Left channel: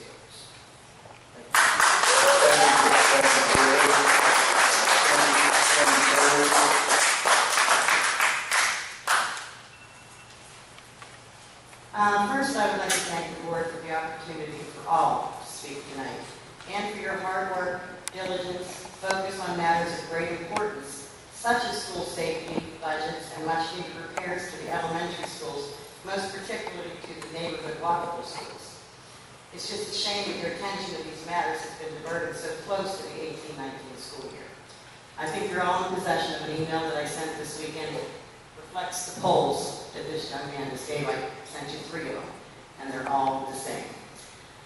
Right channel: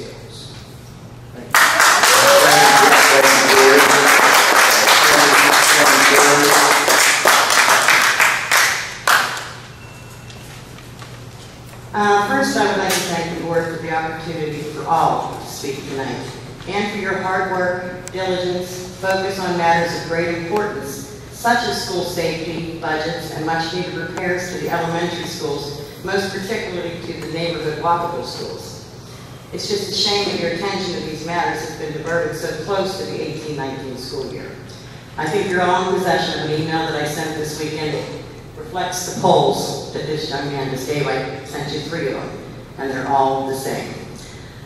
skills. Thank you. First, I would like to thank the board for the opportunity for all to speak tonight, and for your hard work, diligence, focus on matters of great importance, such as school safety, budgets, and much needed repairs to the elementary schools, most particularly to the neighborhood walkable schools. It's just a shame that your attention to these matters has been diverted so close to the 18-19 school year. I think you're all in possession of an email that I sent this weekend. It reflects the polls that this young man just gave. I sent you 3 of them, and they're all the same.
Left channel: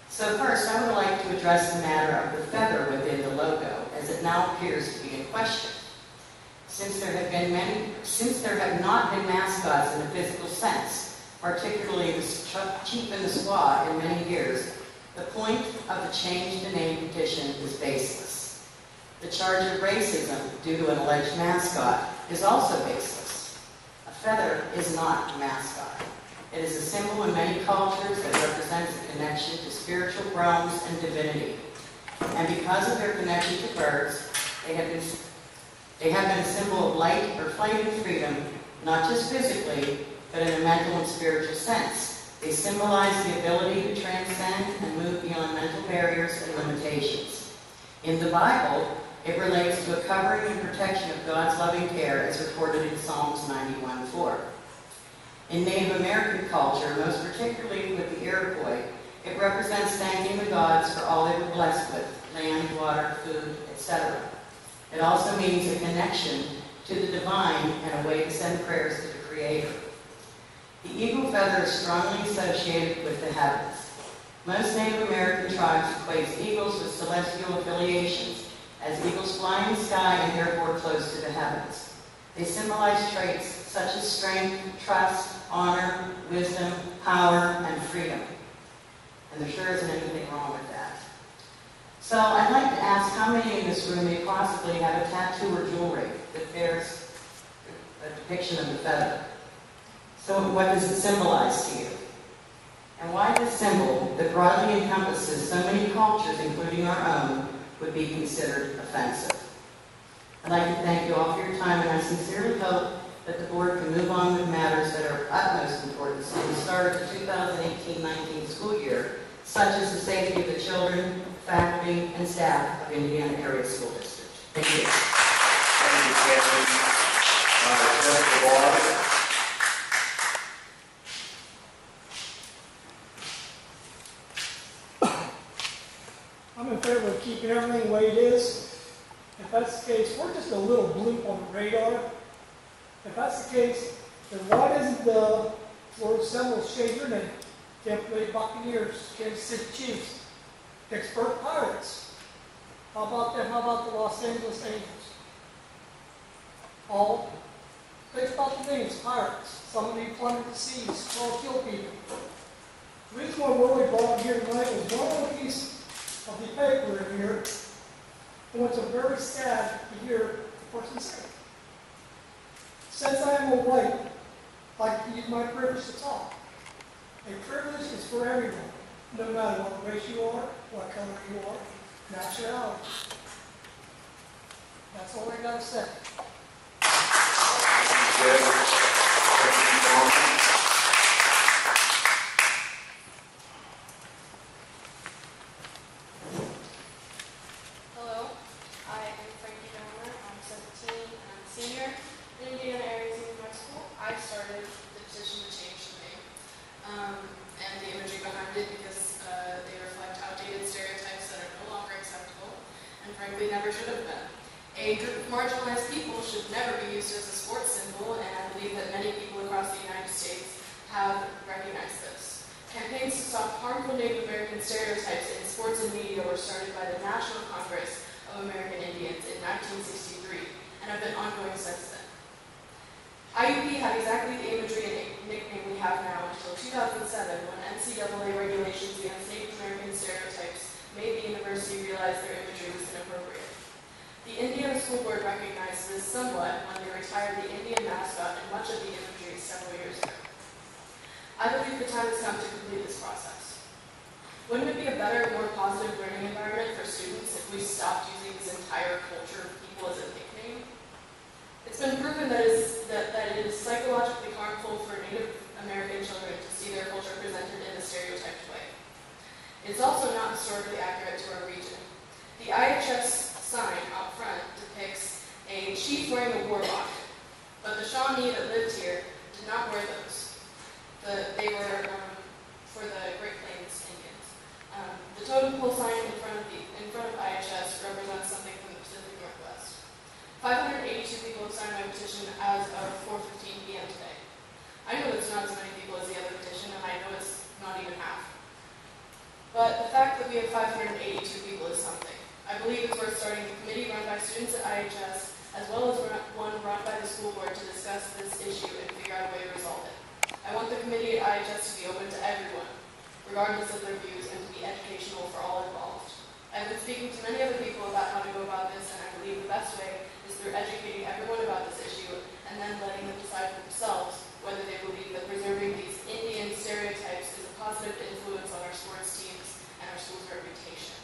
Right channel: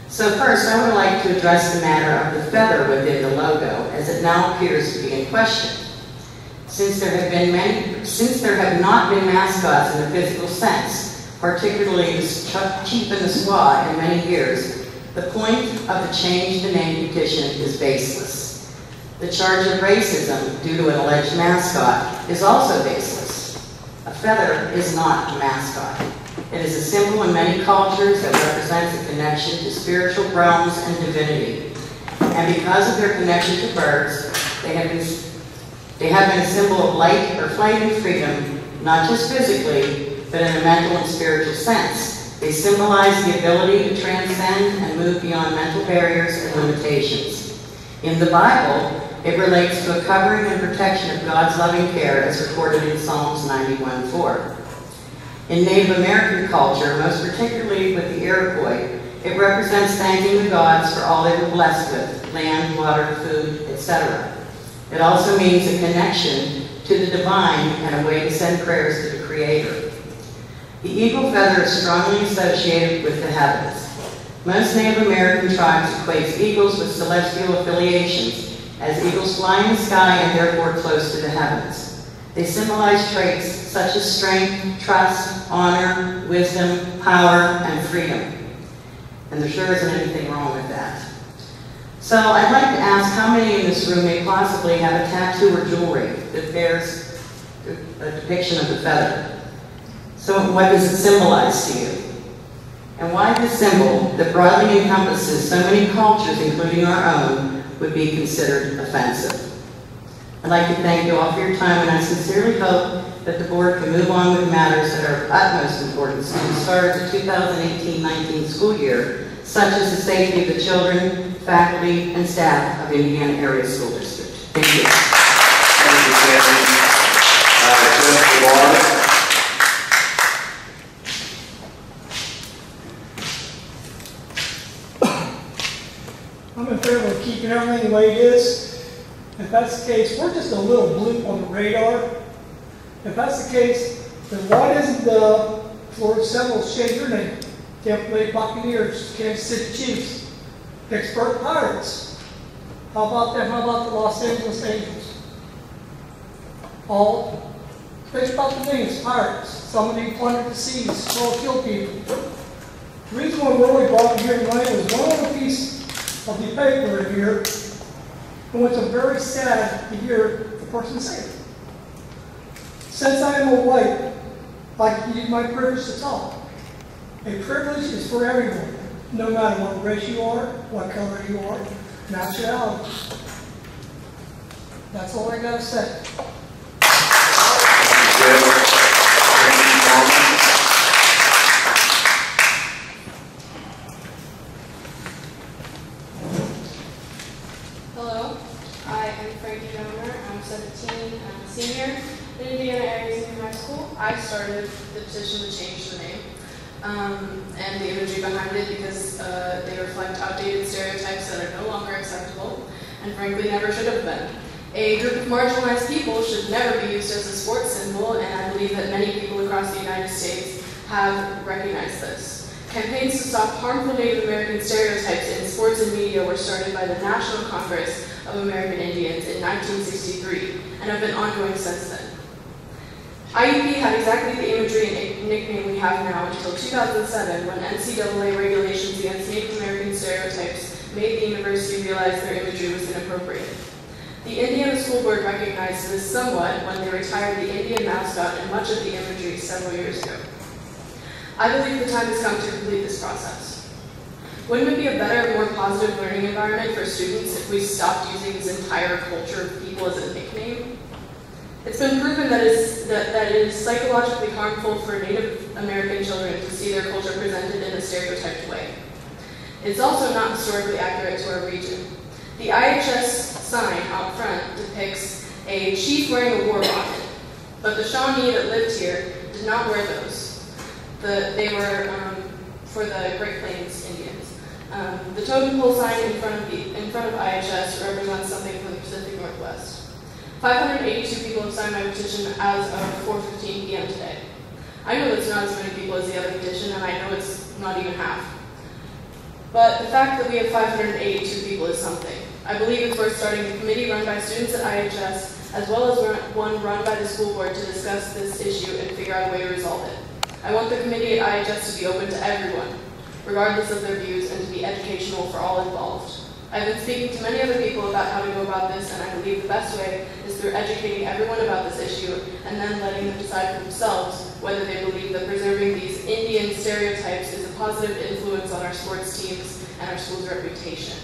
So first, I would like to address the matter of the feather within the logo, as it now appears to be in question. Since there have not been mascots in a physical sense, particularly Chief and the Squaw in many years, the point of the change the name petition is baseless. The charge of racism due to an alleged mascot is also baseless. A feather is not a mascot. It is a symbol in many cultures that represents a connection to spiritual realms and divinity. And because of their connection to birds, they have been a symbol of light or flight and freedom, not just physically, but in a mental and spiritual sense. They symbolize the ability to transcend and move beyond mental barriers and limitations. In the Bible, it relates to a covering and protection of God's loving care, as recorded in Psalms 91:4. In Native American culture, most particularly with the Iroquois, it represents thanking the gods for all they were blessed with, land, water, food, etc. It also means a connection to the divine and a way to send prayers to the Creator. The eagle feather is strongly associated with the heavens. Most Native American tribes equate eagles with celestial affiliations, as eagles fly in the sky and therefore close to the heavens. They symbolize traits such as strength, trust, honor, wisdom, power, and freedom. And there sure isn't anything wrong with that. So I'd like to ask how many in this room may possibly have a tattoo or jewelry that bears a depiction of the feather. So what does it symbolize to you? And why this symbol that broadly encompasses so many cultures, including our own, would be considered offensive? I'd like to thank you all for your time, and I sincerely hope that the board can move on with matters that are of utmost importance to the start of the 2018-19 school year, such as the safety of the children, faculty, and staff of Indiana Area School District. Thank you. Thank you, Kevin. I'm in favor of keeping everything the way it is. If that's the case, we're just a little bloop on the radar. If that's the case, then why doesn't the Florida Seminoles change their name? Tampa Bay Buccaneers, Kansas City Chiefs, Pittsburgh Pirates. How about them? How about the Los Angeles Angels? All think about the names, Pirates. Somebody plundered the seas, trying to kill people. The reason why we really brought them here tonight was one little piece of the paper in here, and which I'm very sad to hear the person say. Since I am a white, I can use my privilege to talk. A privilege is for everyone, no matter what race you are, what color you are, nationality. That's all I gotta say. Hello, I am Frankie Donor. I'm 17. I'm a senior in Indiana Area Senior High School. I started the petition to change the name and the imagery behind it because they reflect outdated stereotypes that are no longer acceptable and frankly never should have been. A group of marginalized people should never be used as a sports symbol, and I believe that many people across the United States have recognized this. Campaigns to stop harmful Native American stereotypes in sports and media were started by the National Congress of American Indians in 1963 and have been ongoing since then. IUP had exactly the imagery and nickname we have now until 2007, when NCAA regulations against Native American stereotypes made the university realize their imagery was inappropriate. The Indiana School Board recognized this somewhat when they retired the Indian mascot and much of the imagery several years ago. I believe the time has come to complete this process. Wouldn't it be a better, more positive learning environment for students if we stopped using this entire culture of people as a nickname? It's been proven that it is psychologically harmful for Native American children to see their culture presented in a stereotyped way. It's also not historically accurate to our region. The IHS sign out front depicts a chief wearing a war bonnet, but the Shawnee that lived here did not wear those. They were for the Great Plains Indians. The totem pole sign in front of IHS represents something from the Pacific Northwest. 582 people have signed my petition as of 4:15 p.m. today. I know that's not as many people as the other petition, and I know it's not even half. But the fact that we have 582 people is something. I believe it's worth starting a committee run by students at IHS, as well as one run by the school board to discuss this issue and figure out a way to resolve it. I want the committee at IHS to be open to everyone, regardless of their views, and to be educational for all involved. I've been speaking to many other people about how to go about this, and I believe the best way is through educating everyone about this issue and then letting them decide for themselves whether they believe that preserving these Indian stereotypes is a positive influence on our sports teams and our school's reputation.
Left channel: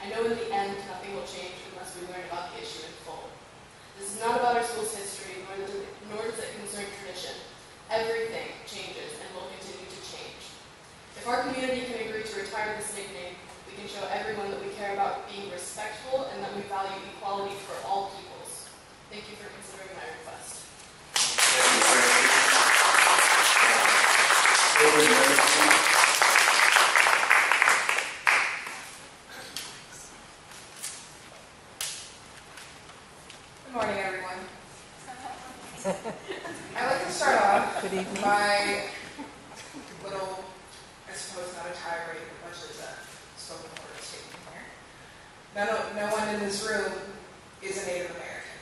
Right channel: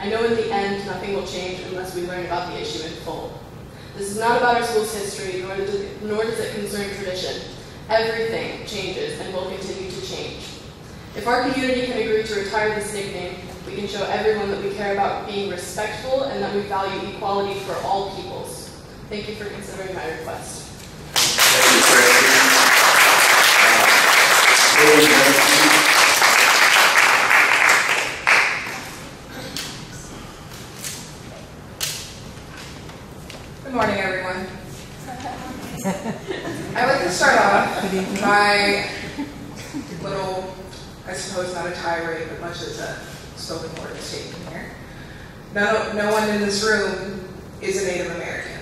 I know in the end nothing will change unless we learn about the issue in full. This is not about our school's history, nor does it concern tradition. Everything changes and will continue to change. If our community can agree to retire this nickname, we can show everyone that we care about being respectful and that we value equality for all peoples. Thank you for considering my request. Thank you, Tracy. Good morning, everyone. I'd like to start off by little, I suppose not a tirade, but much as a spoken word statement here. No one in this room is a Native American.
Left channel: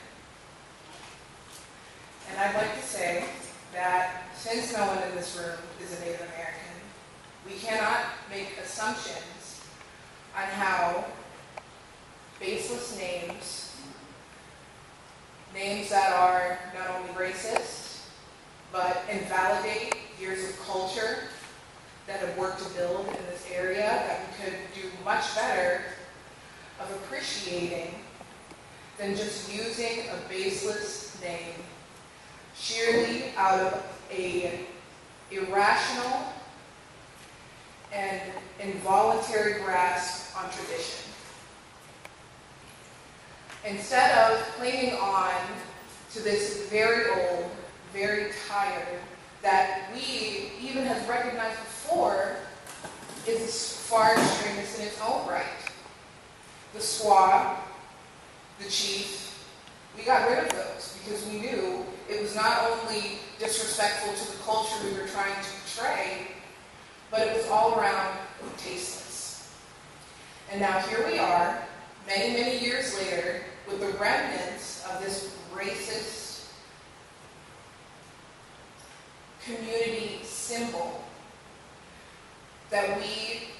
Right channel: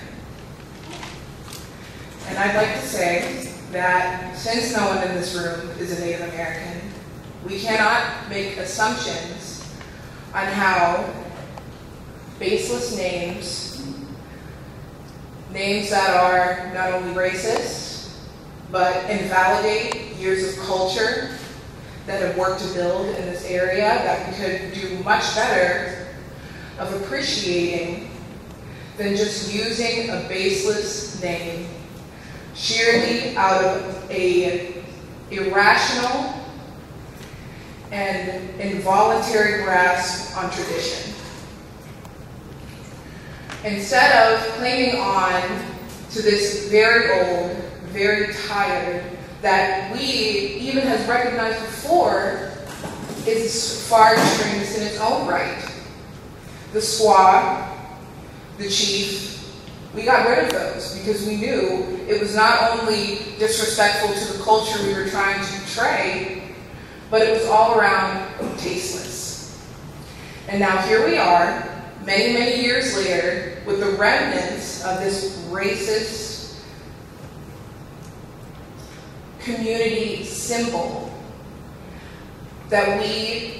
And I'd like to say that since no one in this room is a Native American, we cannot make assumptions on how baseless names that are not only racist, but invalidate years of culture that have worked to build in this area, that we could do much better of appreciating than just using a baseless name sheerly out of a irrational and involuntary grasp on tradition. Instead of clinging on to this very old, very tired, that we even has recognized before is far extremist in its own right. The squaw, the chief, we got rid of those because we knew it was not only disrespectful to the culture we were trying to portray, but it was all around tasteless. And now here we are, many, many years later, with the remnants of this racist community symbol that we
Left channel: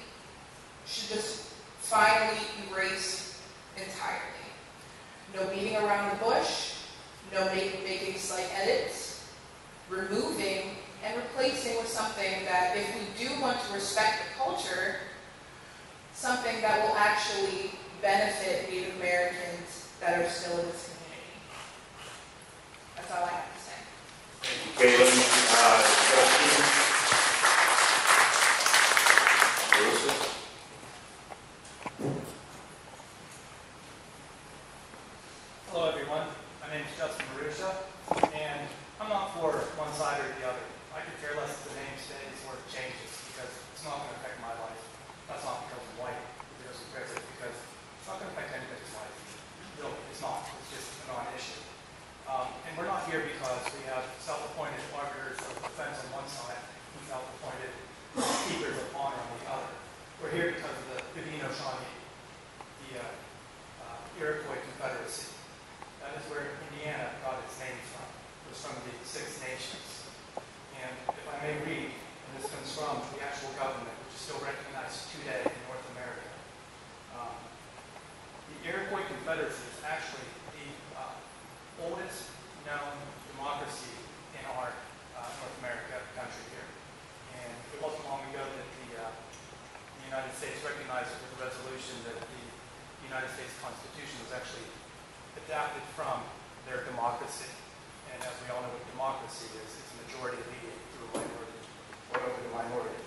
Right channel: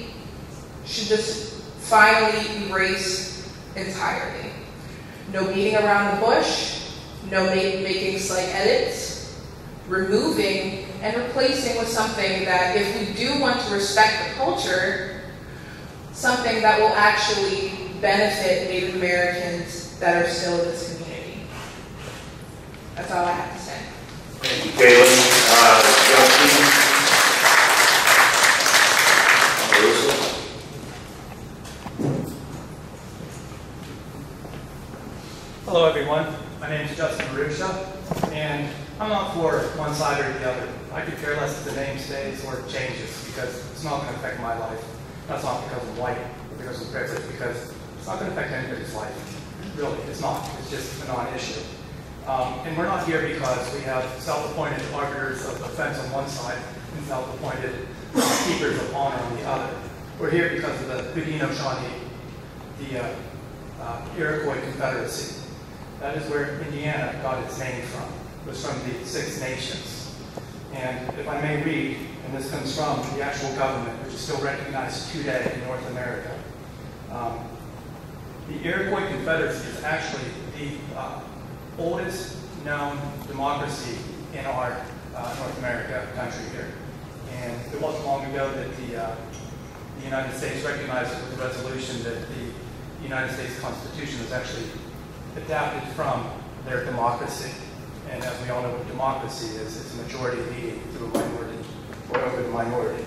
should just finally erase entirely. No beating around the bush, no making slight edits, removing and replacing with something that, if we do want to respect the culture, something that will actually benefit Native Americans that are still in this community. That's all I have to say. Thank you, Caitlin. Justin? Hello, everyone. My name is Justin Marusha, and I'm not for one side or the other. I could care less if the name stays or changes because it's not going to affect my life. That's not because I'm white or because I'm privileged, because it's not going to affect anybody's life. Really, it's not. It's just a non-issue. And we're not here because we have self-appointed arbiters of offense on one side and self-appointed keepers of honor on the other. We're here because of the Haudenosaunee, the Iroquois Confederacy. That is where Indiana got its name from. It was from the Six Nations. And if I may read, and this comes from the actual government, which is still recognized today in North America. The Iroquois Confederacy is actually the oldest known democracy in our North America country here. And it wasn't long ago that the United States recognized it with a resolution that the United States Constitution was actually adapted from their democracy. And as we all know what democracy is, it's a majority leading through a minority or over the minority.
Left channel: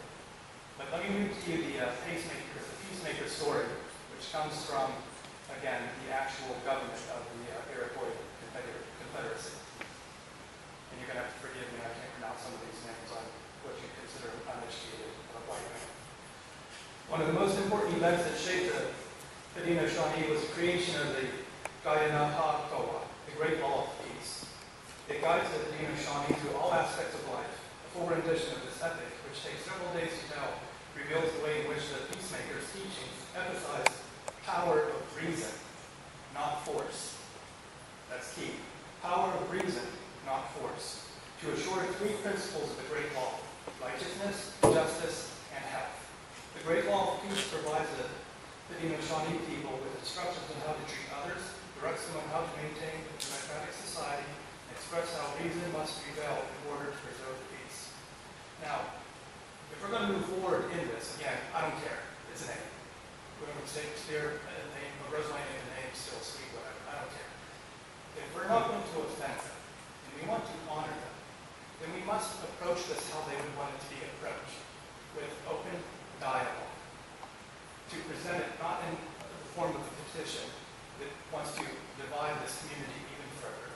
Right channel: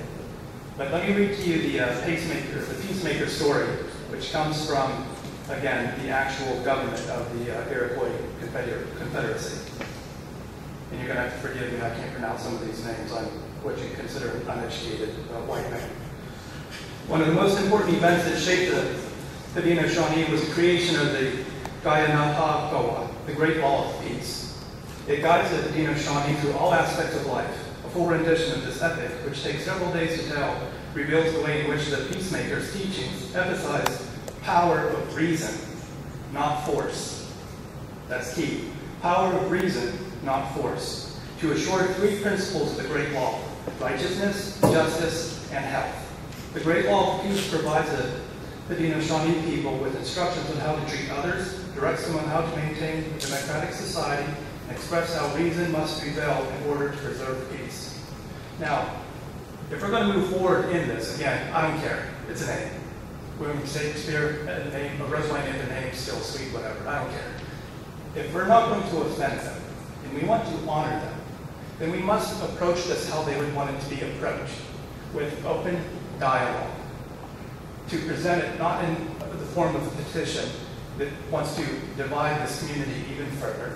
But let me read to you the peacemaker story, which comes from, again, the actual government of the Iroquois Confederacy. And you're going to have to forgive me, I can't pronounce some of these names. I'm what you consider an uneducated white man. One of the most important events that shaped the Haudenosaunee was the creation of the Guyanahagowa, the Great Law of Peace. It guides the Haudenosaunee through all aspects of life. A full rendition of this epic, which takes several days to tell, reveals the way in which the peacemakers' teachings emphasize power of reason, not force. That's key. Power of reason, not force. To assure 3 principles of the Great Law: righteousness, justice, and health. The Great Law of Peace provides the Haudenosaunee people with instructions on how to treat others, directs them on how to maintain a democratic society, and express how reason must prevail in order to preserve peace. Now, if we're going to move forward in this, again, I don't care. It's a name. William Shakespeare, a name, a Rosalie named the name, still sweet, whatever. I don't care. If we're not going to offend them, and we want to honor them, then we must approach this how they would want it to be approached, with open dialogue. To present it not in the form of a petition that wants to divide this community even further,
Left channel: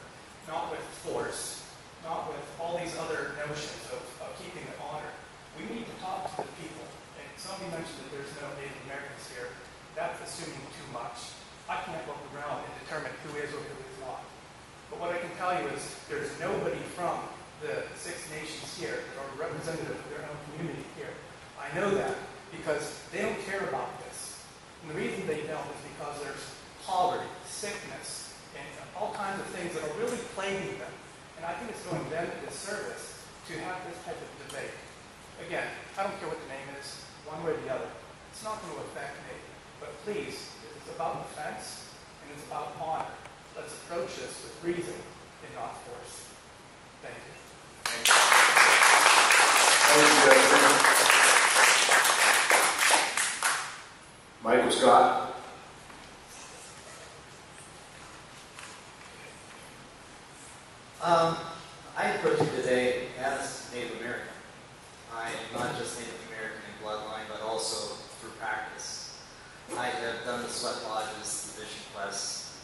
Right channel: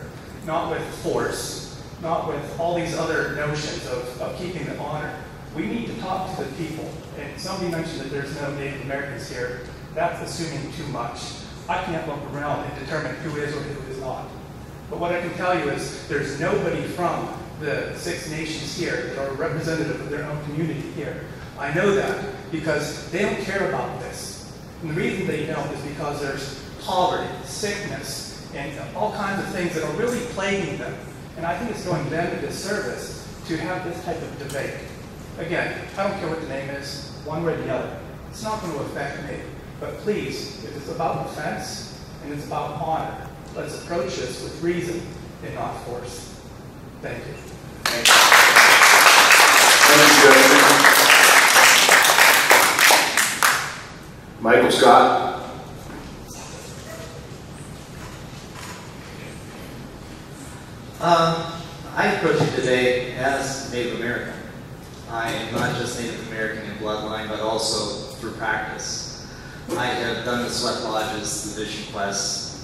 not with force, not with all these other notions of keeping the honor. We need to talk to the people. And somebody mentioned that there's no Native Americans here. That's assuming too much. I can't look around and determine who is or who is not. But what I can tell you is there's nobody from the 6 nations here that are representative of their own community here. I know that because they don't care about this. And the reason they don't is because there's poverty, sickness, and all kinds of things that are really plaguing them. And I think it's doing them a disservice to have this type of debate. Again, I don't care what the name is, one way or the other. It's not going to affect me. But please, if it's about offense and it's about honor, let's approach this with reason and not force. Thank you. Thank you, Justin. Michael Scott. I approach it today as Native American. I am not just Native American in bloodline, but also through practice. I have done the sweat lodges, the vision quests,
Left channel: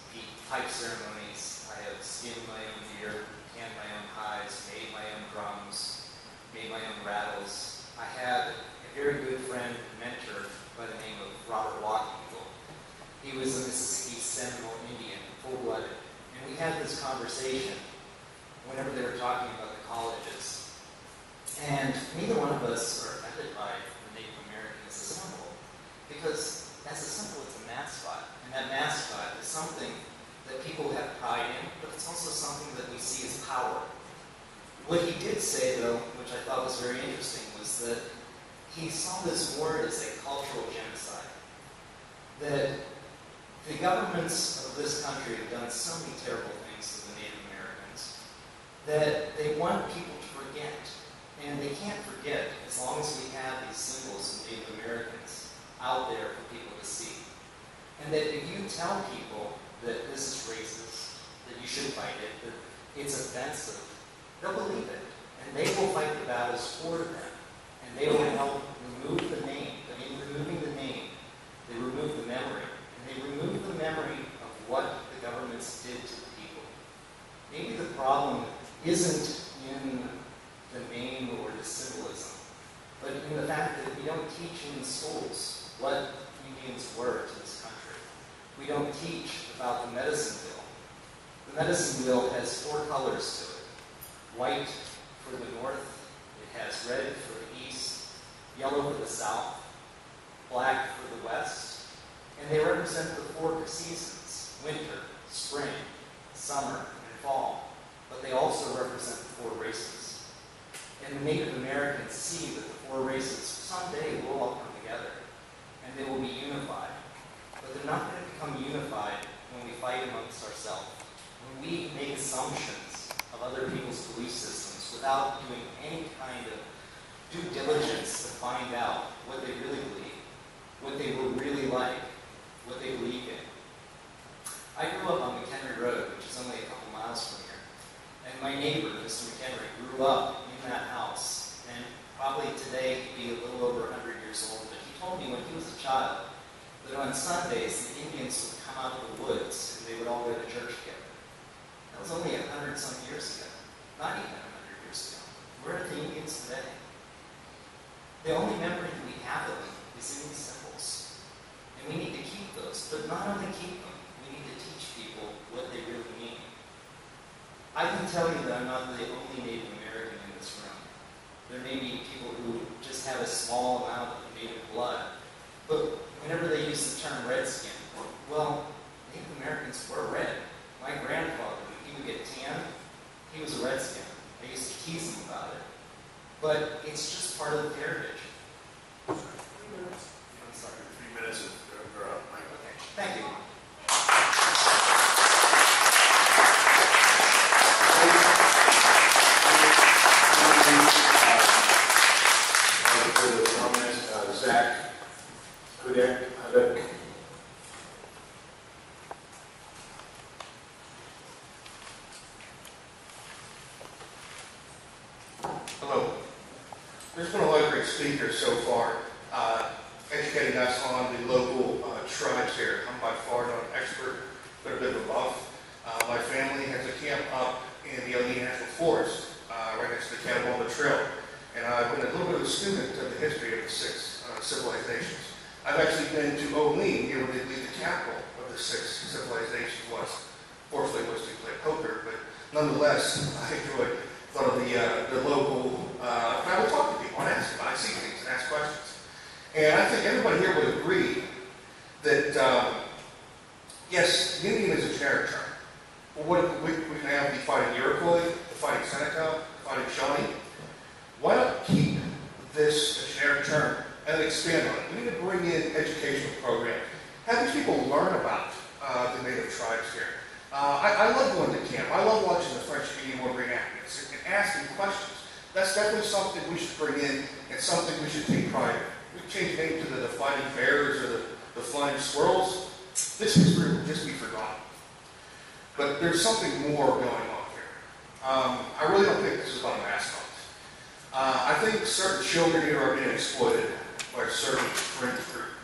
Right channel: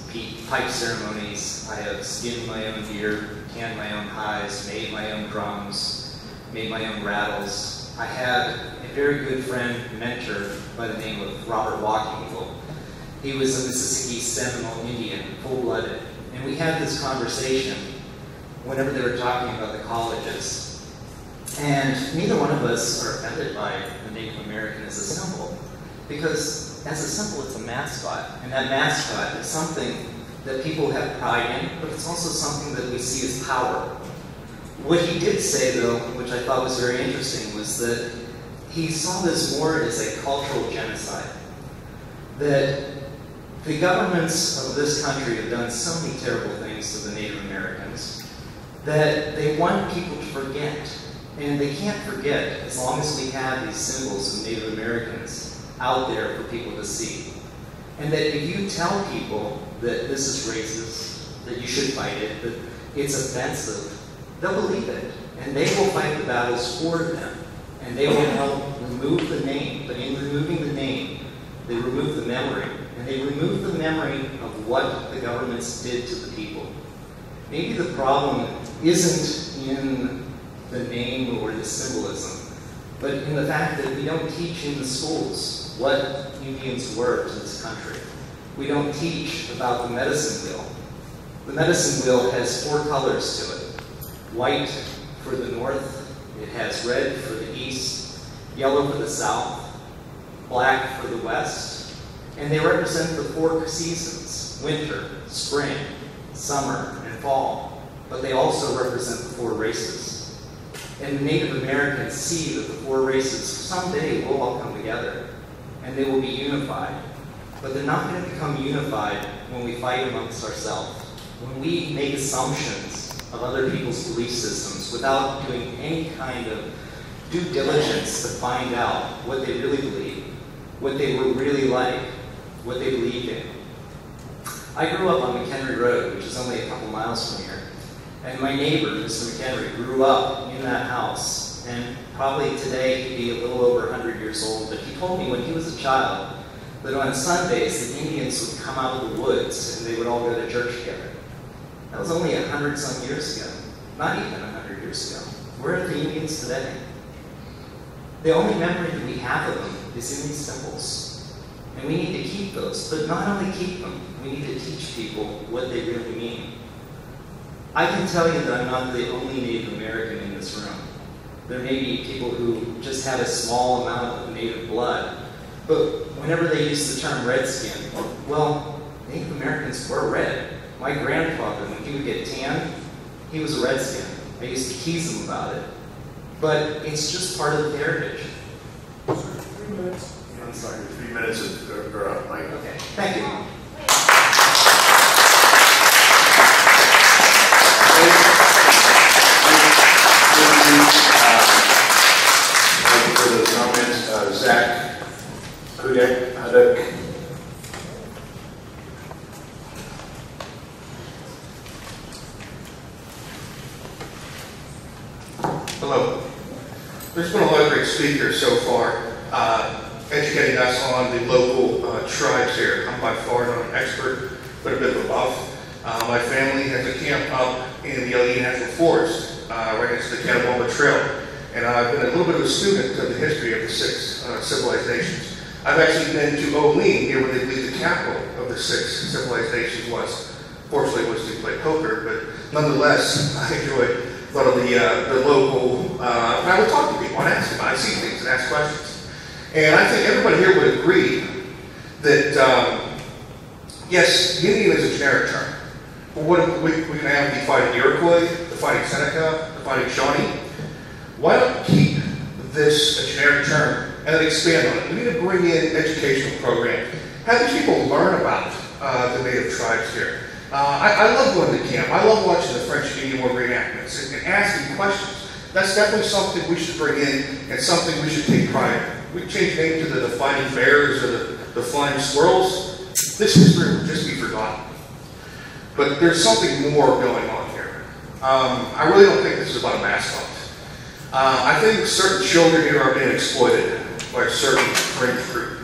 pipe ceremonies. I have skinned my own deer, tanned my own hides, made my own drums, made my own rattles. I had a very good friend, mentor, by the name of Robert Walking Eagle. He was a Mississippi Seminole Indian, full-blooded, and we had this conversation whenever they were talking about the colleges. And neither one of us are offended by the Native American as a symbol, because as a symbol, it's a mascot, and that mascot is something that people have pride in, but it's also something that we see as power. What he did say, though, which I thought was very interesting, was that he saw this more as a cultural genocide. That the governments of this country have done so many terrible things to the Native Americans that they want people to forget. And they can't forget as long as we have these symbols of Native Americans out there for people to see. And that if you tell people that this is racist, that you should fight it, that it's offensive, they'll believe it. And they will fight the battles for them. And they will help remove the name. But in removing the name, they remove the memory. And they remove the memory of what the governments did to the people. Maybe the problem isn't in the name or the symbolism, but in the fact that we don't teach in the schools what Indians were to this country. We don't teach about the medicine wheel. The medicine wheel has 4 colors to it. White for the north, it has red for the east, yellow for the south, black for the west, and they represent the 4 seasons: winter, spring, summer, and fall. But they also represent the 4 races. And the Native Americans see that the 4 races someday will all come together, and they will be unified. But they're not going to become unified when we fight amongst ourselves, when we make assumptions of other people's belief systems without doing any kind of due diligence to find out what they really believe. what they were really like, what they believed in. I grew up on McHenry Road, which is only a couple miles from here. And my neighbor, Mr. McHenry, grew up in that house. And probably today he'd be a little over 100 years old, but he told me when he was a child that on Sundays the Indians would come out of the woods and they would all go to church together. That was only 100-some years ago. Not even 100 years ago. Where are the Indians today? The only memory that we have of them is in these symbols. And we need to keep those, but not only keep them, we need to teach people what they really mean. I can tell you that I'm not the only Native American in this room. There may be people who just have a small amount of Native blood, but whenever they use the term redskin, well, Native Americans were red. My grandfather, when he would get tan, he was a redskin. I used to tease him about it. But it's just part of the heritage. 3 minutes. I'm sorry. 3 minutes are up, Mike. Okay, thank you. Thank you for those comments. Zach, Hudek. Hello. There's been a lot of great speakers so far, educating us on the local tribes here. I'm by far not an expert, but a bit of a buff. My family has a camp up in the Allegheny National Forest, right next to the Cannaboma Trail. And I've been a little bit of a student of the history of the 6 civilizations. I've actually been to Olean, here where they believe the capital of the 6 civilizations was. Fortunately, it was to play poker, but nonetheless, I enjoyed a lot of the local, and I would talk to people, I'd ask them, I see things and ask questions. And I think everybody here would agree that, yes, Indian is a generic term. But what we can have the fighting Iroquois, the fighting Seneca, the fighting Shawnee. Why not keep this a generic term and then expand on it? We need to bring in educational programs. Have these people learn about the native tribes here. I love going to camp. I love watching the French and Indian War reenactments and asking questions. That's definitely something we should bring in and something we should take pride in. We change name to the Fighting Bears or the Flying Squirrels. This history will just be forgotten. But there's something more going on here. I really don't think this is about a mascot. I think certain children here are being exploited by a certain fringe group.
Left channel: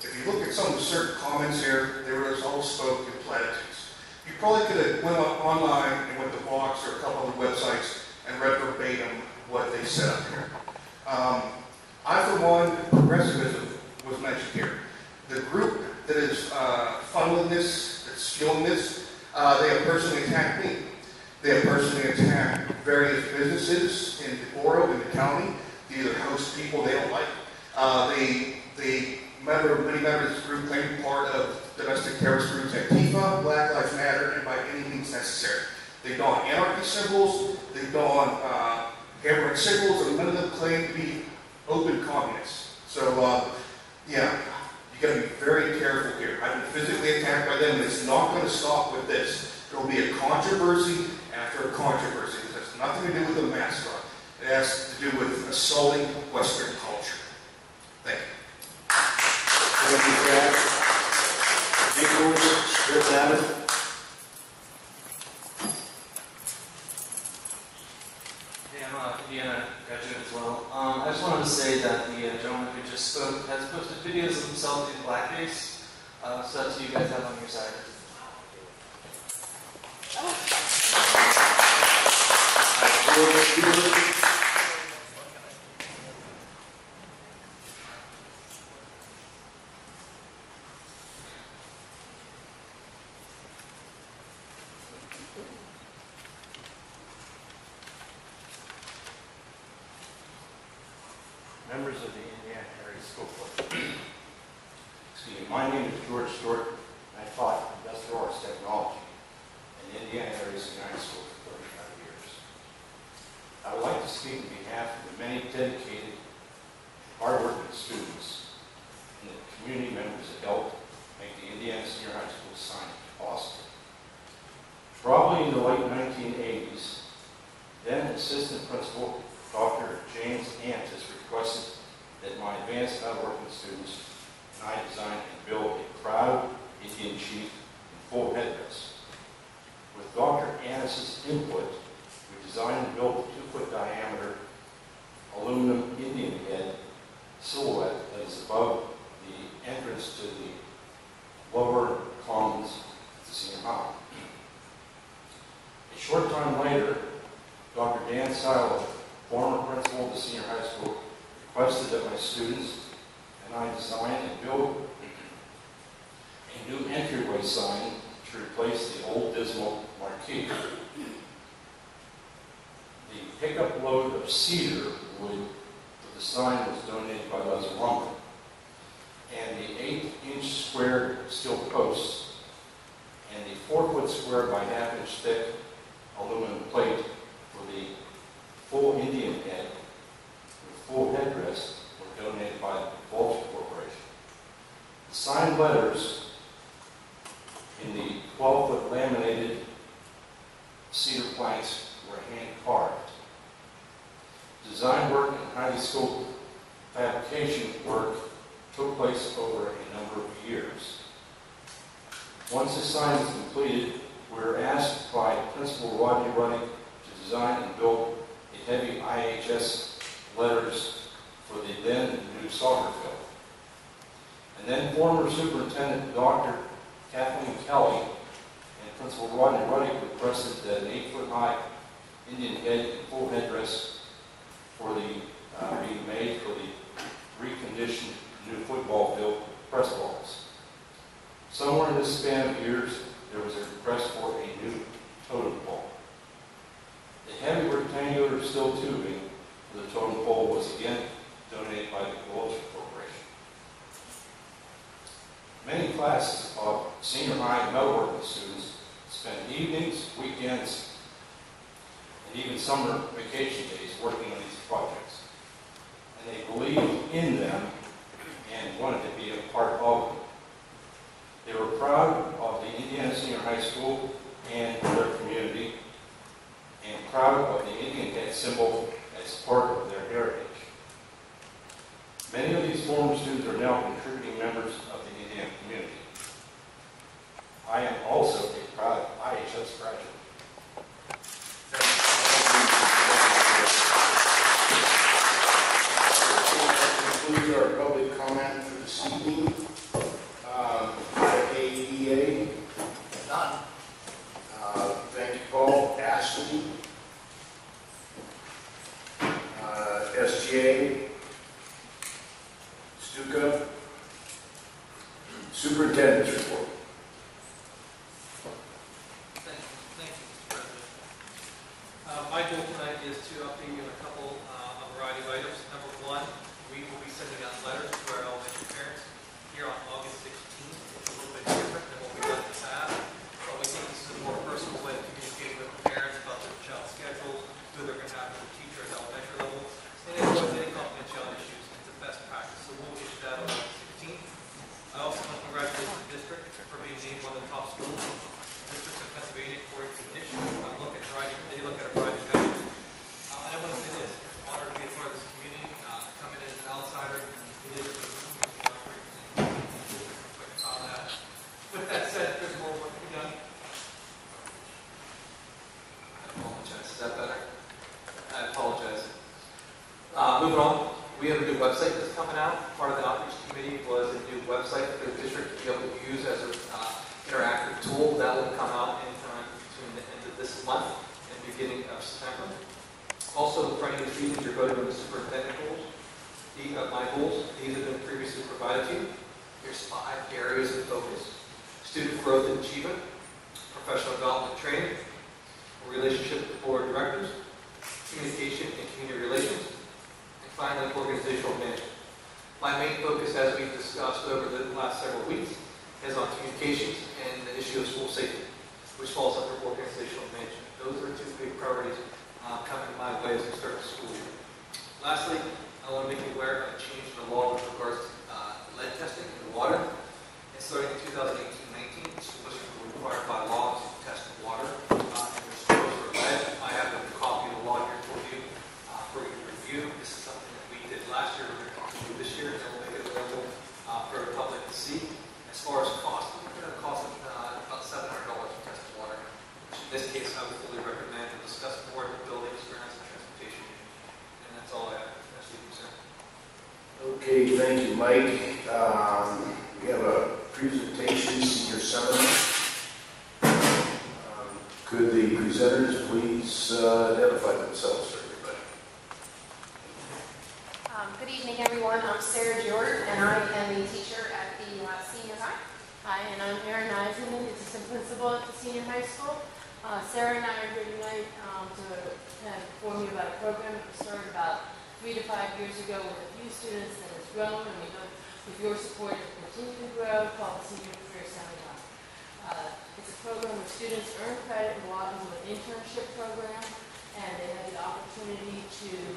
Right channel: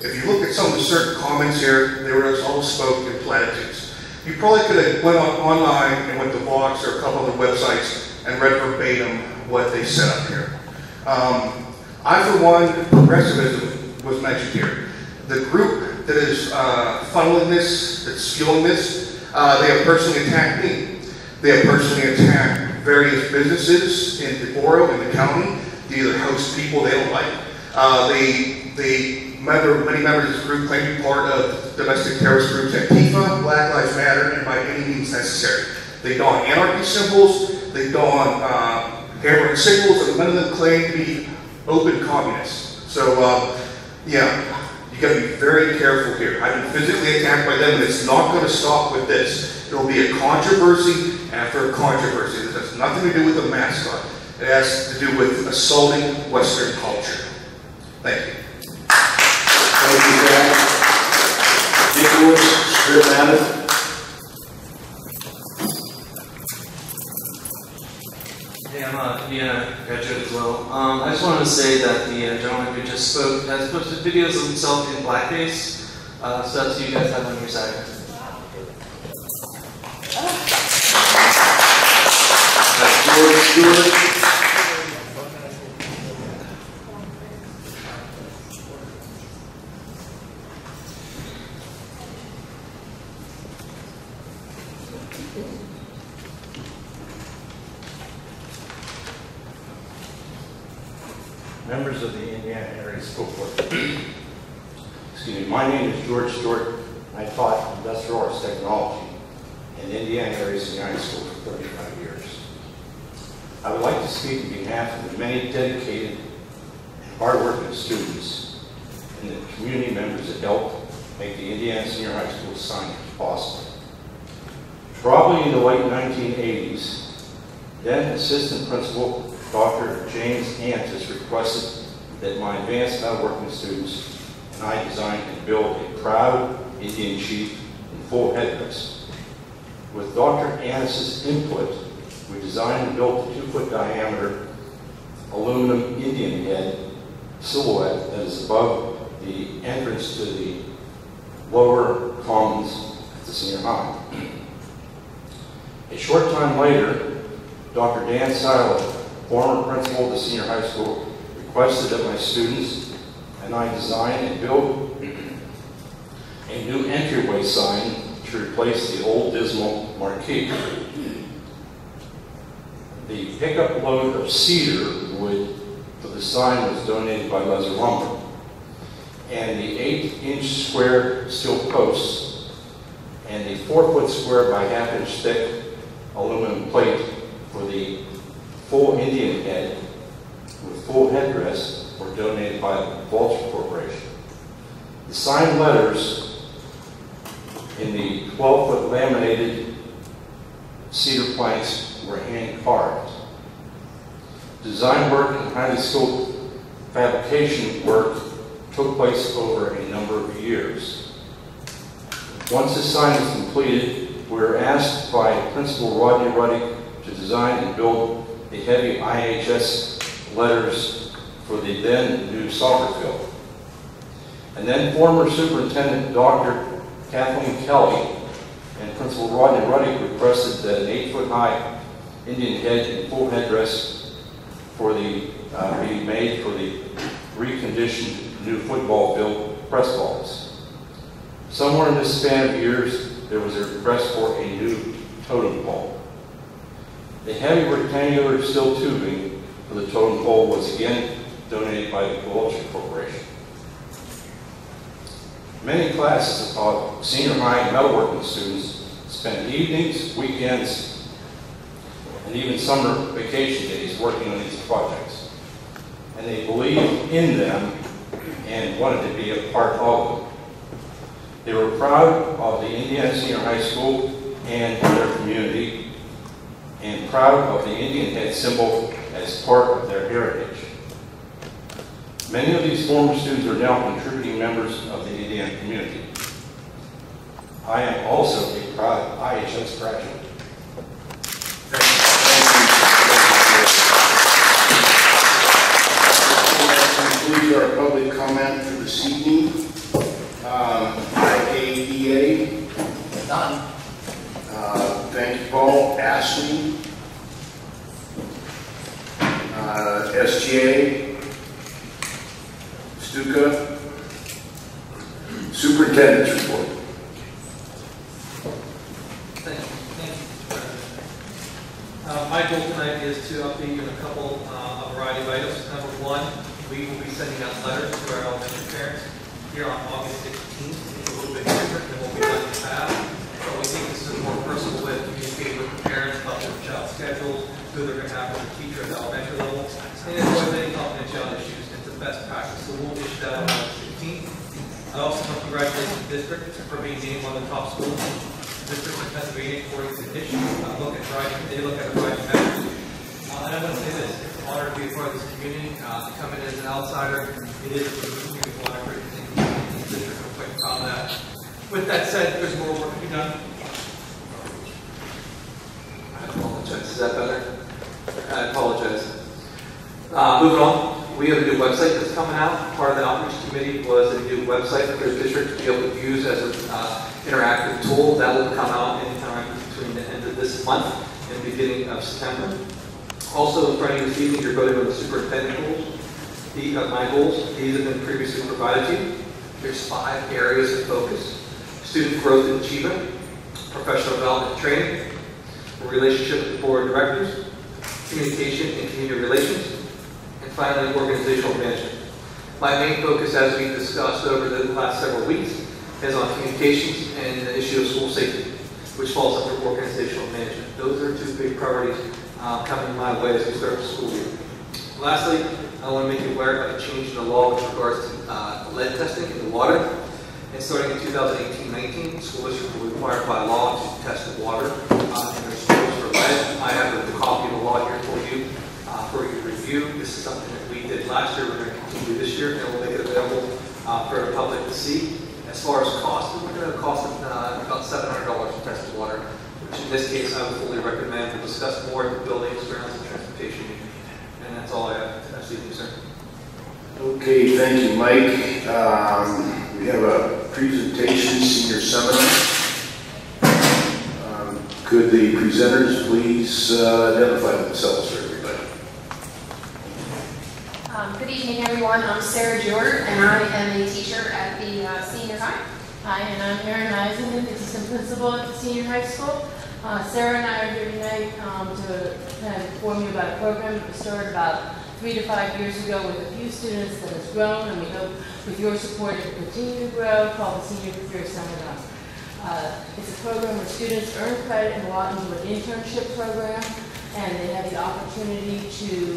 If you look at some of the certain comments here, they were all spoken in platitudes. You probably could have went online and went to Vox or a couple other websites and read verbatim what they said up here. I, for one, progressivism was mentioned here. The group that is funneling this, that's fueling this, they have personally attacked me. They have personally attacked various businesses in DeBoro, in the county. They either host people they don't like. Many members of this group claim to be part of domestic terrorist groups Antifa, Black Lives Matter, and by any means necessary. They don anarchy symbols, they don hammer and signals, and none of them claim to be open communists. So, yeah, you gotta be very careful here. I've been physically attacked by them, and it's not gonna stop with this. There will be a controversy after a controversy. This has nothing to do with a mascot. It has to do with assaulting Western culture. Thank you. Thank you, Zach. Nicholas, Script Matter. Hey, I'm a Indiana graduate as well. I just wanted to say that the gentleman who just spoke has posted videos of himself in blackface, so that's what you guys have on your side. George Stewart. Members of the Indiana Area School Board. Excuse me, my name is George Stewart. I taught industrial arts technology in the Indiana Area Senior High School for 35 years. I would like to speak on behalf of the many dedicated and hardworking students and the community members that helped make the Indiana Senior High School signage possible. Probably in the late 1980s, then Assistant Principal Dr. James Antis requested that my advanced metalworking students and I designed and built a proud Indian chief in full headdress. With Dr. Annis's input, we designed and built a 2-foot diameter aluminum Indian head silhouette that is above the entrance to the lower commons at the senior high. A short time later, Dr. Dan Seiler, former principal of the senior high school, requested that my students and I design and build a new entryway sign to replace the old dismal marquee. The pickup load of cedar wood for the sign was donated by Leather Lumber, and the 8-inch square steel posts and the 4-foot square by 1/2-inch thick aluminum plate for the full Indian head with full headdress were donated by the Vulture Corporation. The sign letters in the 12-foot laminated cedar planks were hand-carved. Design work and highly skilled fabrication work took place over a number of years. Once the sign was completed, we were asked by Principal Rodney Ruddick to design and build the heavy IHS letters for the then new soccer field. And then former Superintendent Dr. Kathleen Kelly and Principal Rodney Ruddick requested that an 8-foot high Indian head and full headdress for the be made for the reconditioned new football field press balls. Somewhere in this span of years, there was a request for a new totem pole. The heavy rectangular steel tubing for the totem pole was again donated by the Vulture Corporation. Many classes of senior high metalworking students spent evenings, weekends, and even summer vacation days working on these projects. And they believed in them and wanted to be a part of them. They were proud of the Indiana Senior High School and their community, and proud of the Indian head symbol as part of their heritage. Many of these former students are now contributing members of the Indiana community. I am also a proud IHS graduate. That concludes our public comment for this evening. IAEA. None. Thank you, Paul. Ashley. SGA. Stuka. Superintendent's report. Thank you, Mr. President. My goal tonight is to update you on a variety of items. Number one, we will be sending out letters to our elementary parents here on August 16th. It's a little bit different than what we've done in the past, but we think this is a more personal way of communicating with the parents about their child's schedules, who they're going to have as a teacher at the elementary level, and if there's any confidentiality issues, it's a best practice. So we'll issue that on August 16th. I also want to congratulate the district for being named one of the top schools districts in Pennsylvania according to NISH. They look at a variety of measures. And I want to say this, it's an honor to be a part of this community, to come in as an outsider. It is a community honor for the district. I'm quite proud of that. With that said, there's more work to be done. I apologize. Is that better? I apologize. Moving on. We have a new website that's coming out. Part of the outreach committee was a new website for the district to be able to use as an interactive tool. That will come out anytime between the end of this month and the beginning of September. Also, in front of you this evening, you're voting on the superintendent goals. My goals, these have been previously provided to you. There's 5 areas of focus: student growth and achievement, professional development and training, relationship with the board of directors, communication and community relations, and finally, organizational management. My main focus, as we've discussed over the last several weeks, is on communications and the issue of school safety, which falls under organizational management. Those are 2 big priorities coming my way as we start the school year. Lastly, I want to make you aware of a change in the law with regards to lead testing in the water. And starting in 2018-19, school districts were required by law to test the water in their schools for lead. I have the copy of the law here for you for your review. This is something that we did last year. We're going to continue this year, and we'll make it available for the public to see. As far as cost, we're looking at a cost of about $700 for tested water, which in this case I would fully recommend. We'll discuss more at the building experience and transportation meeting. And that's all I have. That's the sir. Okay, thank you, Mike. We have a presentation, senior seminar. Could the presenters please identify themselves for everybody? Good evening, everyone. I'm Sarah Jordan, and I am a teacher at the senior high. Hi, and I'm Erin Eisenman, assistant principal at the senior high school. Sarah and I are here tonight to kind of inform you about a program that was started about 3 to 5 years ago with a few students that has grown, and we hope with your support it will continue to grow, called the Senior Career Seminar. It's a program where students earn credit and go out into an internship program, and they have the opportunity to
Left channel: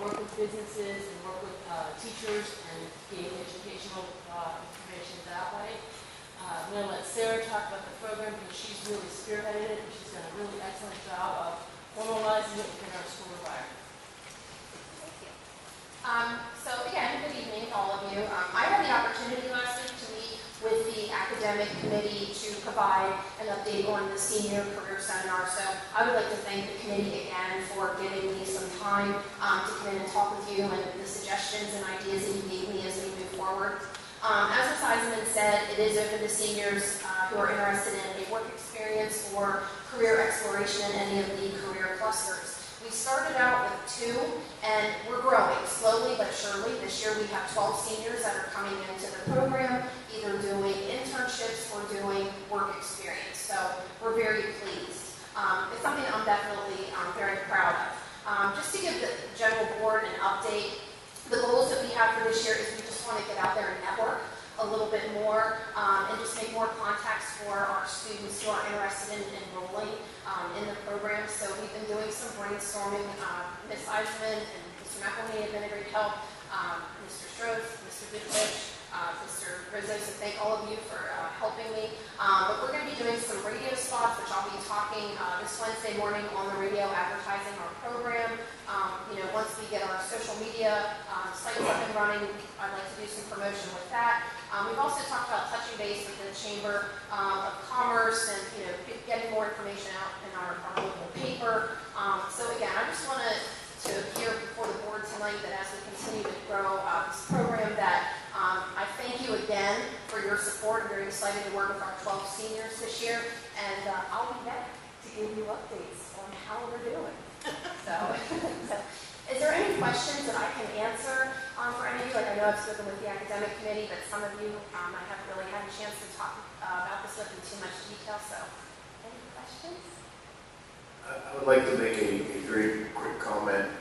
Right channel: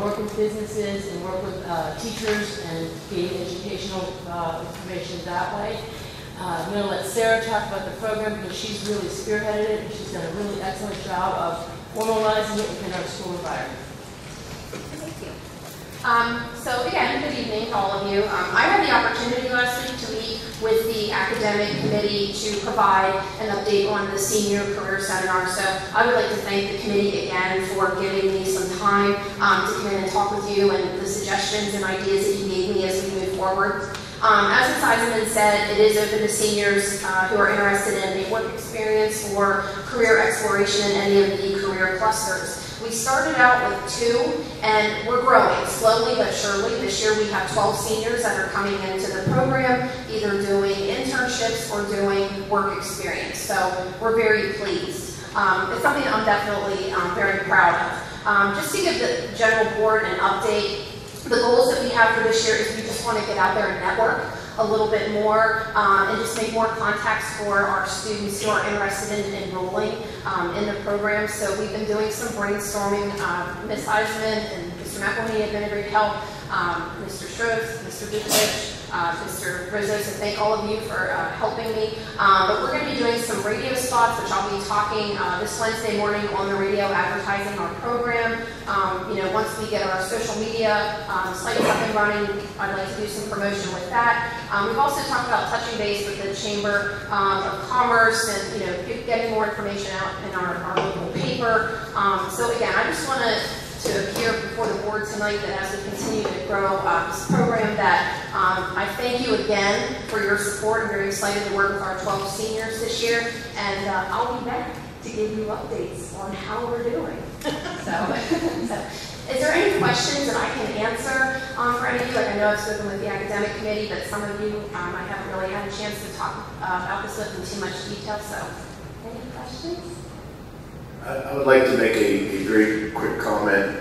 work with businesses and work with teachers and gain educational information that way. I'm going to let Sarah talk about the program because she's really spearheaded it and she's done a really excellent job of formalizing it within our school environment. Thank you. So again, good evening to all of you. I had the opportunity last week to meet with the academic committee to provide an update on the senior career seminar. So I would like to thank the committee again for giving me some time to come in and talk with you and the suggestions and ideas that you gave me as we move forward. As Ms. Eisenman said, it is open to seniors who are interested in a work experience or career exploration in any of the career clusters. We started out with 2, and we're growing slowly but surely. This year we have 12 seniors that are coming into the program, either doing internships or doing work experience. So we're very pleased. It's something I'm definitely very proud of. Just to give the general board an update, the goals that we have for this year is we just want to get out there and network a little bit more and just make more contacts for our students who are interested in enrolling in the program. So we've been doing some brainstorming. Ms. Eisenman and Mr. McElhaney have been a great help. Mr. Stroth, Mr. Dukovich, Mr. Rizzo, so thank all of you for helping me. But we're going to be doing some radio spots, which I'll be talking this Wednesday morning on the radio advertising our program. Once we get our social media sites up and running, I'd like to do some promotion with that. We've also talked about touching base with the Chamber of Commerce and getting more information out in our local paper. So again, I just want to appear before the board tonight that as we continue to grow this program that I thank you again for your support. I'm very excited to work with our 12 seniors this year, and I'll be back to give you updates on how we're doing. So is there any questions that I can answer for any of you? Like, I know I've spoken with the academic committee, but some of you I haven't really had a chance to talk about this with in too much detail. So any questions? I would like to make a very quick comment.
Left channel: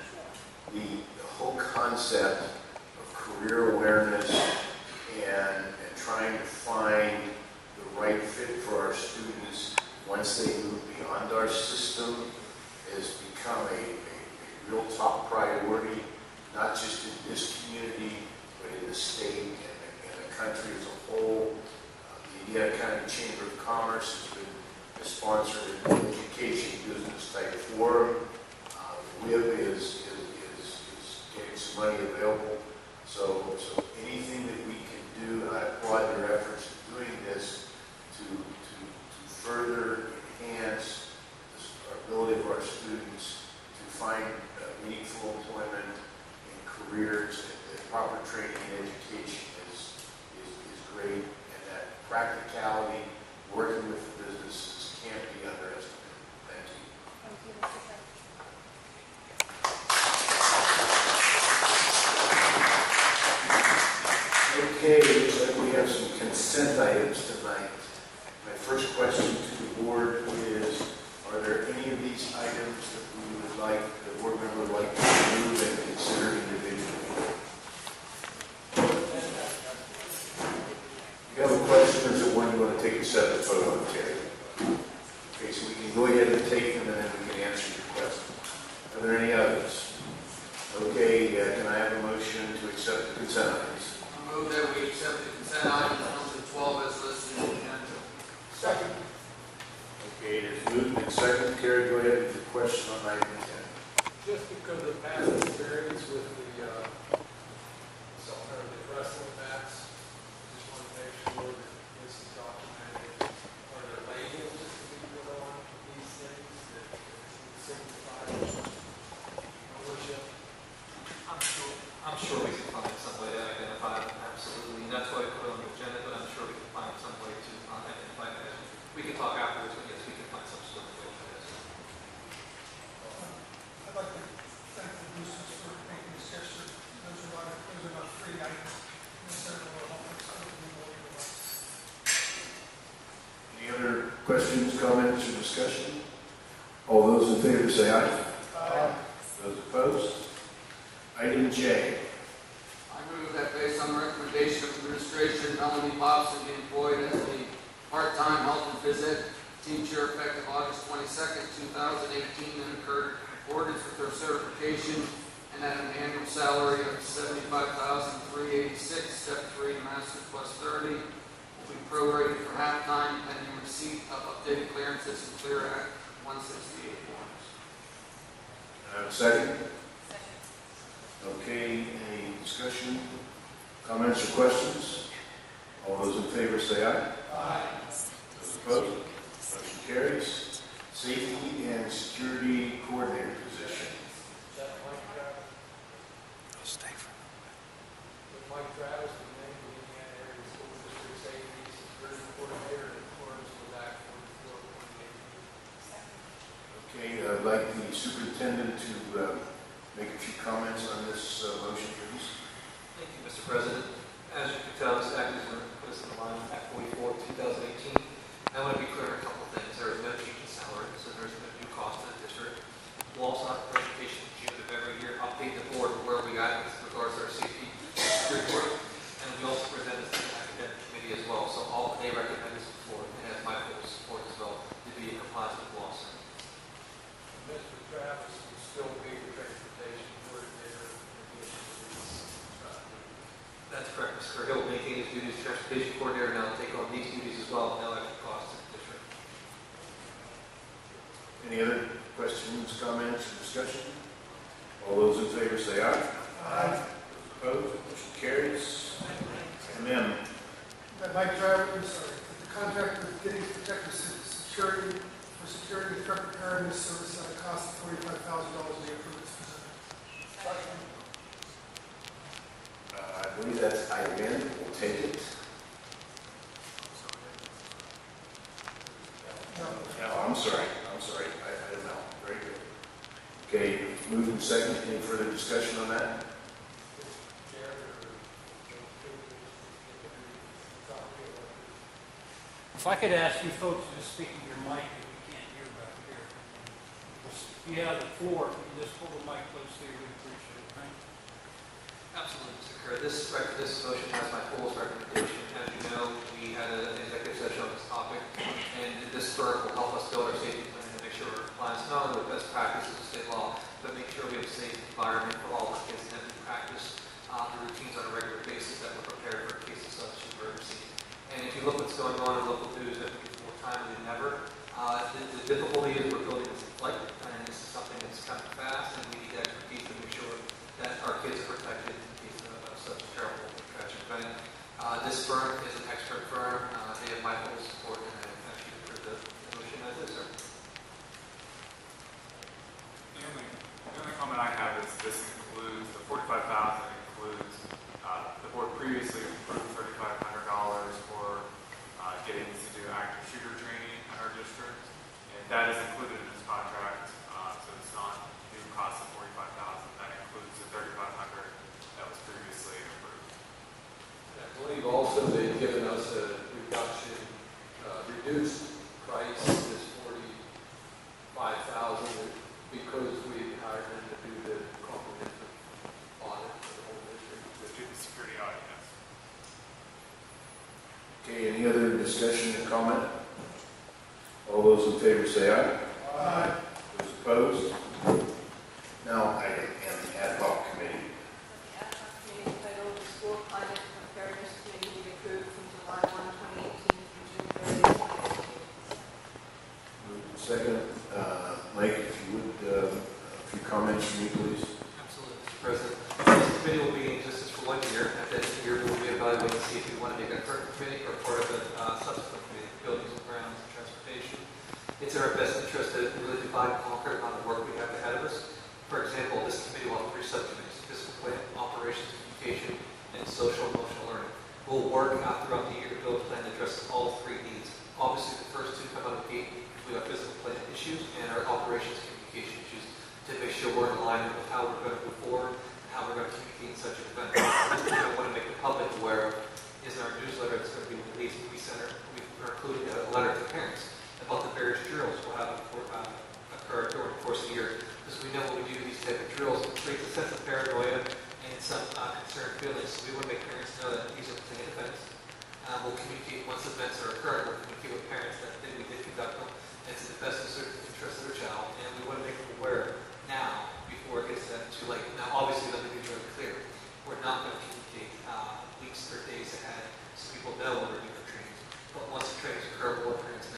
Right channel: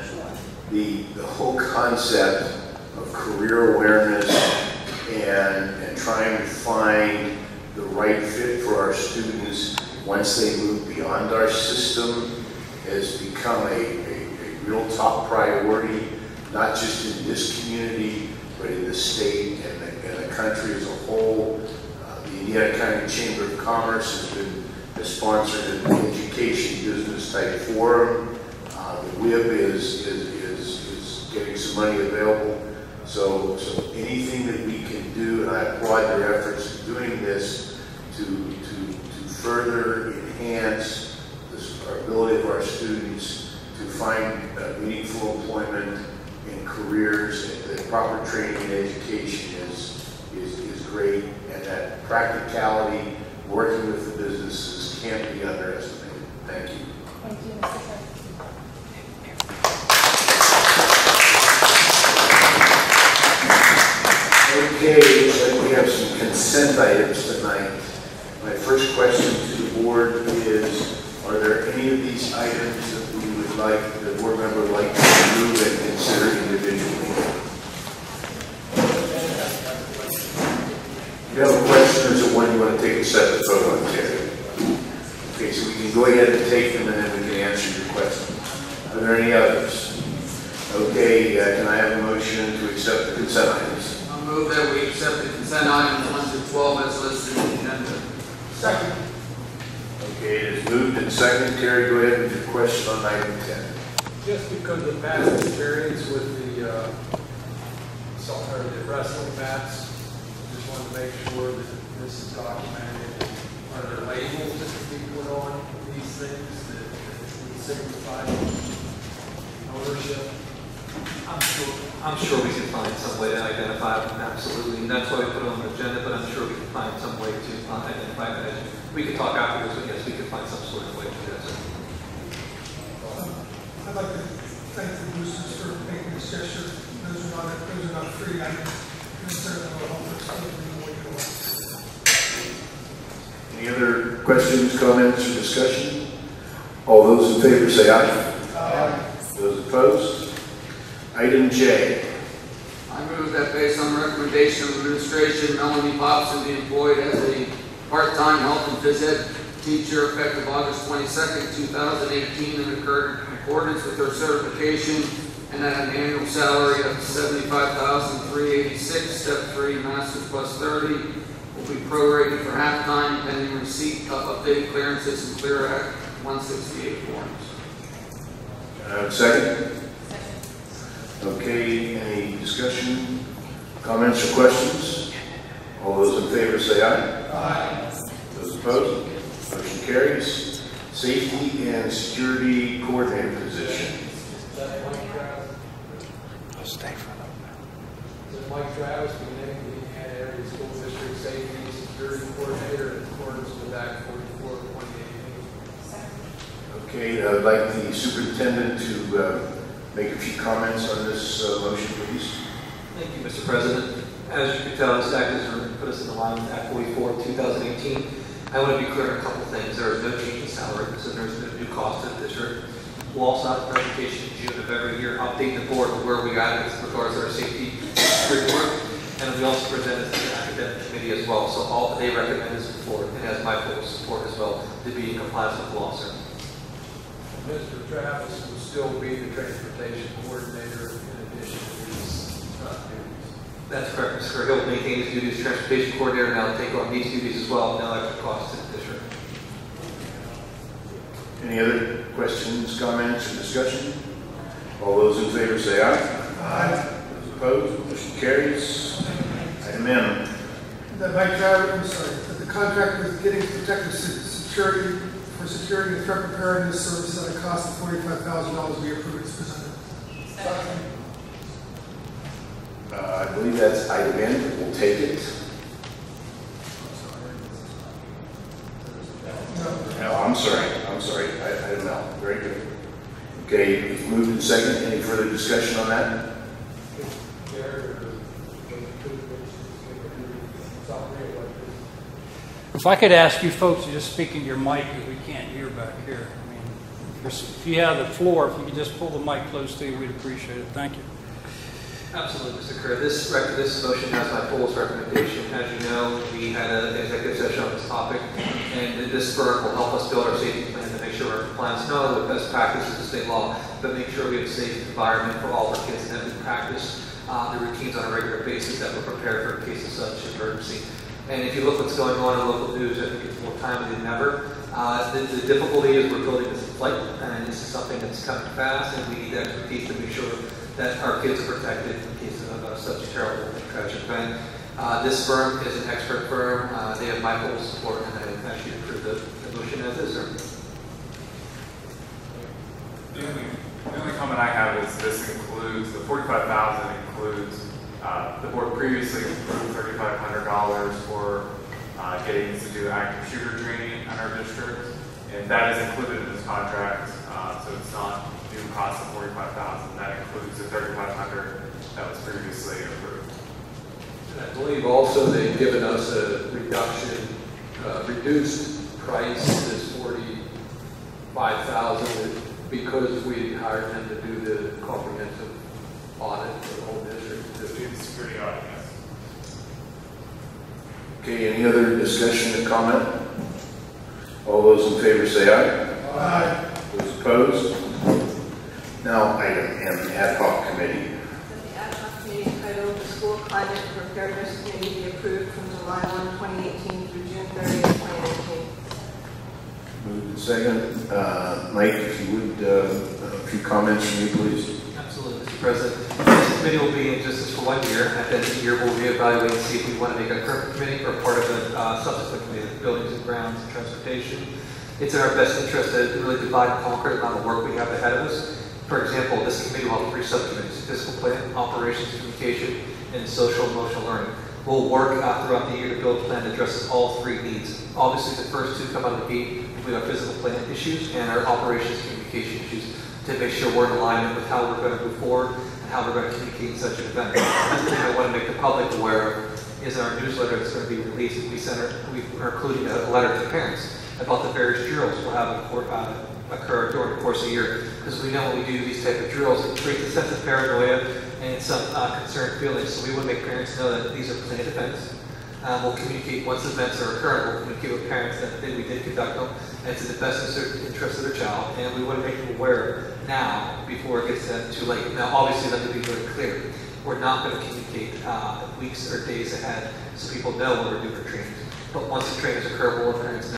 The whole concept of career awareness and trying to find the right fit for our students once they move beyond our system has become a real top priority, not just in this community, but in the state and the country as a whole. The Indiana County Chamber of Commerce has sponsored an education business type forum. The WIB is getting some money available. So anything that we can do, and I applaud their efforts in doing this, to further enhance our ability of our students to find meaningful employment in careers, and the proper training and education is great, and that practicality, working with the businesses, can't be underestimated. Thank you. Thank you, Mr. Chair. Okay, looks like we have some consent items tonight. My first question to the board is, are there any of these items that we would like, the board member would like to remove and consider individually? You have a question, or is it one you want to take a separate vote on, Terry? Okay, so we can go ahead and take them, and then we can answer your question. Are there any others? Okay, can I have a motion to accept the consent items? I'll move that we accept the consent items 1 to 12 as listed in the agenda. Second. Okay, it is moved and seconded. Terry, go ahead with your question on item 10. Just because of past experience with the wrestling mats, make sure that this is documented. Are there labels that can be put on these things that would signify ownership? I'm sure we can find some way to identify them, absolutely. And that's why we put it on the agenda, but I'm sure we can find some way to identify that. We can talk afterwards, but yes, we can find some sort of way to do that. I'd like to thank the boosters for making this gesture. Those are not free items. Any other questions, comments, or discussion? All those in favor say aye. Aye. Those opposed? Item J. I move that based on the recommendation of administration, Melanie Popson be employed as a part-time health and phys ed teacher effective August 22nd, 2018, in accordance with her certification, and at an annual salary of $75,386, step 3, masters plus 30, will be prorated for half-time pending receipt of updated clearances and Clear Act 168 forms. Second? Okay, any discussion, comments, or questions? All those in favor say aye. Aye. Those opposed? Motion carries. Safety and Security Coordinator position. Is that Mike Travis? Does Mike Travis be named the Indiana Area School District Safety and Security Coordinator in accordance with Act 44 of 2018? Okay, I'd like the superintendent to make a few comments on this motion, please. Thank you, Mr. President. As you can tell, this act has put us in the line with Act 44 of 2018. I want to be clear on a couple of things. There is no change in salary, so there's no new cost to the district. We'll also have a presentation in June of every year, update the board on where we got with regards to our safety report. And we also present this to the academic committee as well. So all that they recommend is before, and has my full support as well, to be in compliance with the law, sir. Mr. Travis will still be the transportation coordinator in addition to these duties. That's correct, Mr. Kerr. He'll maintain his duties as transportation coordinator, and I'll take on these duties as well, no extra cost to the district. Any other questions, comments, or discussion? All those in favor say aye. Aye. Those opposed? Motion carries. Item M. That Mike Travis, that the contract with Giddings Protective Security for securing the threat preparedness service at a cost of $45,000 be approved as presented. I believe that's item N. We'll take it. No, I'm sorry. Item L. Very good. Okay, it's moved and second. Any further discussion on that? If I could ask you folks to just speak in your mic, because we can't hear back here. I mean, if you have the floor, if you could just pull the mic close to you, we'd appreciate it. Thank you. Absolutely, Mr. Kerr. This motion has my fullest recommendation. As you know, we had an executive session on this topic, and this firm will help us build our safety plan to make sure we're in compliance not only with best practices of state law, but make sure we have a safe environment for all our kids and that we practice the routines on a regular basis that we're prepared for in case of such emergency. And if you look what's going on in local news, I think it's more timely than ever. The difficulty is we're building this in flight, and this is something that's coming fast, and we need expertise to make sure that our kids are protected in case of such a terrible and tragic event. This firm is an expert firm. They have my full support, and I ask you to approve the motion as is, sir. The only comment I have is this includes, the $45,000 includes, the board previously approved $3,500 for getting to do active shooter training in our district, and that is included in this contract, so it's not new cost of $45,000. That includes the $3,500 that was previously approved. And I believe also they've given us a reduction, reduced price is $45,000 because we hired them to do the comprehensive audit for the whole district. The security audit, yes. Okay, any other discussion or comment? All those in favor say aye. Aye. Those opposed? Now, item M, ad hoc committee. The ad hoc committee titled the School Climate Preparedness Committee be approved from July 1, 2018 through June 30, 2018. Moved and second. Mike, if you would, a few comments from you, please. Absolutely, Mr. President. committee will be in existence for 1 year. At the end of the year, we'll reevaluate and see if we want to make a current committee or part of a subsequent committee, buildings and grounds and transportation. It's in our best interest to really divide and conquer the amount of work we have ahead of us. For example, this committee will have 3 subcommittees: fiscal plan, operations, communication, and social emotional learning. We'll work throughout the year to build a plan that addresses all 3 needs. Obviously, the first 2 come out of the gate with our physical plan issues and our operations communication issues to make sure we're in alignment with how we're going to move forward and how we're going to communicate in such an event. One thing I want to make the public aware of is in our newsletter that's going to be released, we're including a letter to parents about the various drills we'll have occur during the course of the year. Because we know when we do these type of drills, it creates a sense of paranoia and some concerned feelings. So we want to make parents know that these are planned events. We'll communicate once events are occurring. We'll communicate with parents that we did conduct them, and it's in the best interest of their child. And we want to make them aware now before it gets too late. Now, obviously, let me be very clear. We're not going to communicate weeks or days ahead so people know when we're doing our trainings. But once the trainings occur, we'll let parents